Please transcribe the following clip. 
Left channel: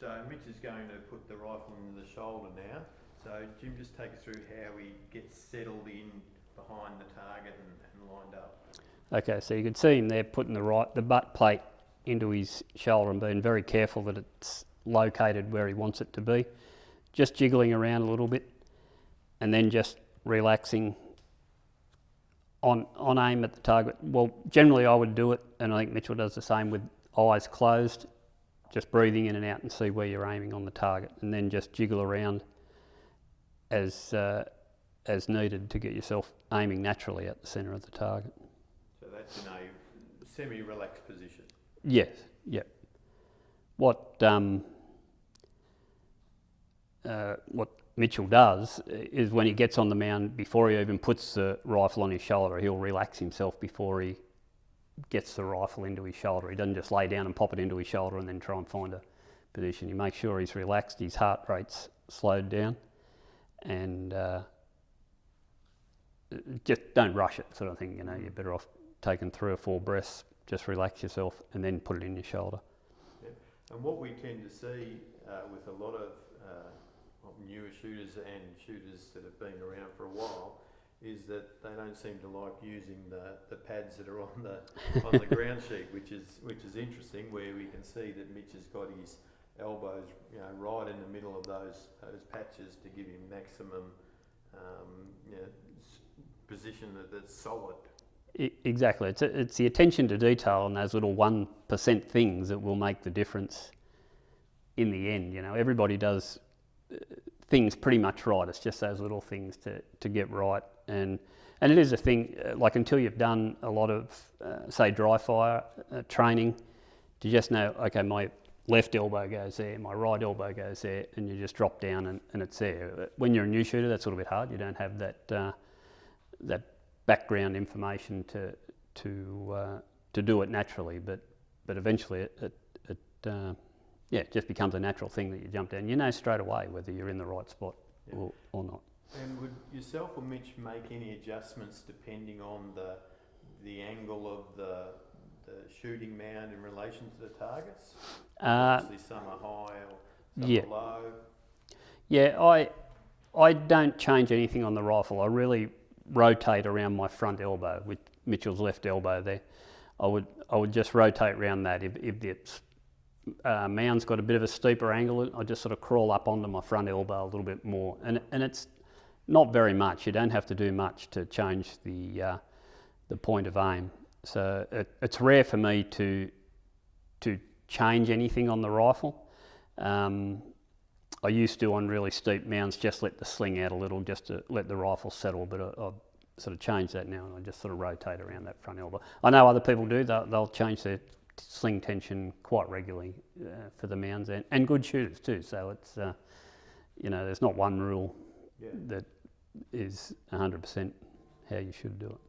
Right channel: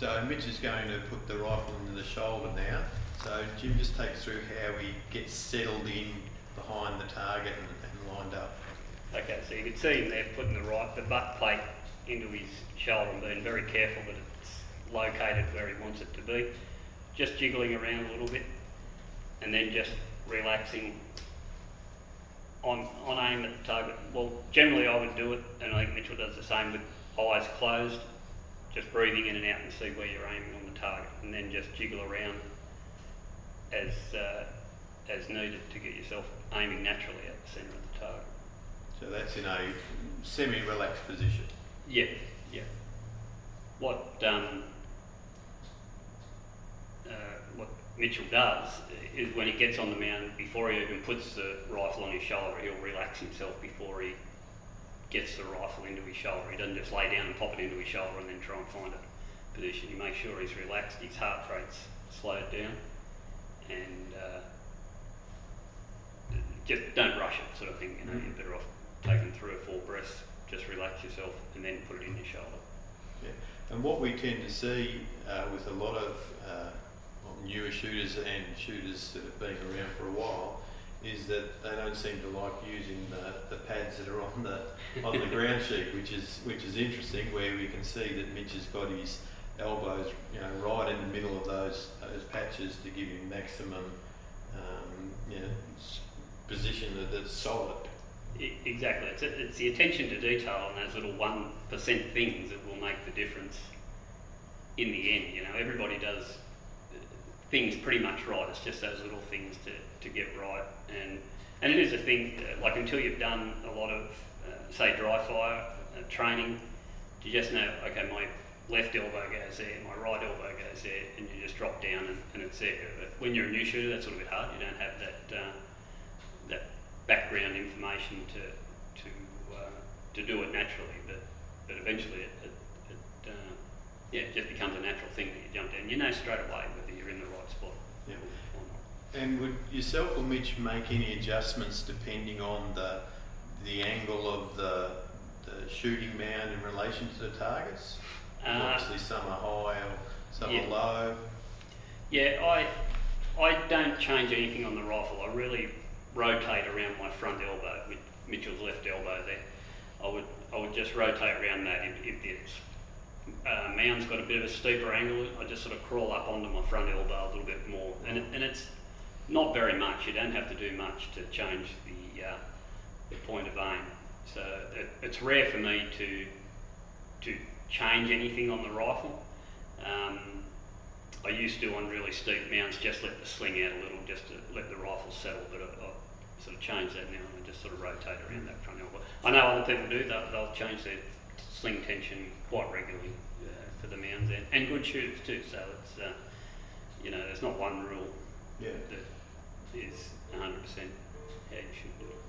So Mitch is going to put the rifle into the shoulder now. So Jim, just take us through how he gets settled in behind the target and lined up. Okay, so you can see him there putting the butt plate into his shoulder and being very careful that it's located where he wants it to be. Just jiggling around a little bit and then just relaxing on aim at the target. Well, generally I would do it, and I think Mitchell does the same, with eyes closed, just breathing in and out and see where you're aiming on the target, and then just jiggle around as needed to get yourself aiming naturally at the centre of the target. So that's in a semi-relaxed position. Yeah, yeah. What Mitchell does is, when he gets on the mound, before he even puts the rifle on his shoulder, he'll relax himself before he gets the rifle into his shoulder. He doesn't just lay down and pop it into his shoulder and then try and find a position. He makes sure he's relaxed, his heart rate's slowed down, and just don't rush it, sort of thing. You know, you're better off taking 3 or 4 breaths, just relax yourself and then put it in your shoulder. Yeah. And what we tend to see with a lot of newer shooters and shooters that have been around for a while is that they don't seem to like using the pads that are on the ground sheet, which is interesting, where we can see that Mitch has got his elbows, you know, right in the middle of those patches to give him maximum position that's solid. Exactly. It's the attention to detail and those little 1% things that will make the difference in the end. You know, everybody does things pretty much right. It's just those little things to get right, and it is a thing. Like, until you've done a lot of say dry fire training, to just know, okay, my left elbow goes there, my right elbow goes there, and you just drop down and it's there. When you're a new shooter, that's a little bit hard. You don't have that background information to do it naturally, but eventually it just becomes a natural thing that you jump down. You know straight away whether you're in the right spot or not. And would yourself or Mitch make any adjustments depending on the angle of the shooting mound in relation to the targets? Obviously some are high or some are low. Yeah, I don't change anything on the rifle. I really rotate around my front elbow, with Mitchell's left elbow there. I would just rotate around that. If it's mound's got a bit of a steeper angle, I just sort of crawl up onto my front elbow a little bit more, and it's not very much. You don't have to do much to change the point of aim. So it's rare for me to change anything on the rifle. I used to, on really steep mounds, just let the sling out a little, just to let the rifle settle, but I've sort of changed that now. I just sort of rotate around that front elbow. I know other people do. They'll change their sling tension quite regularly for the mounds, and good shooters too. So it's there's not one rule that is 100% how you should do it.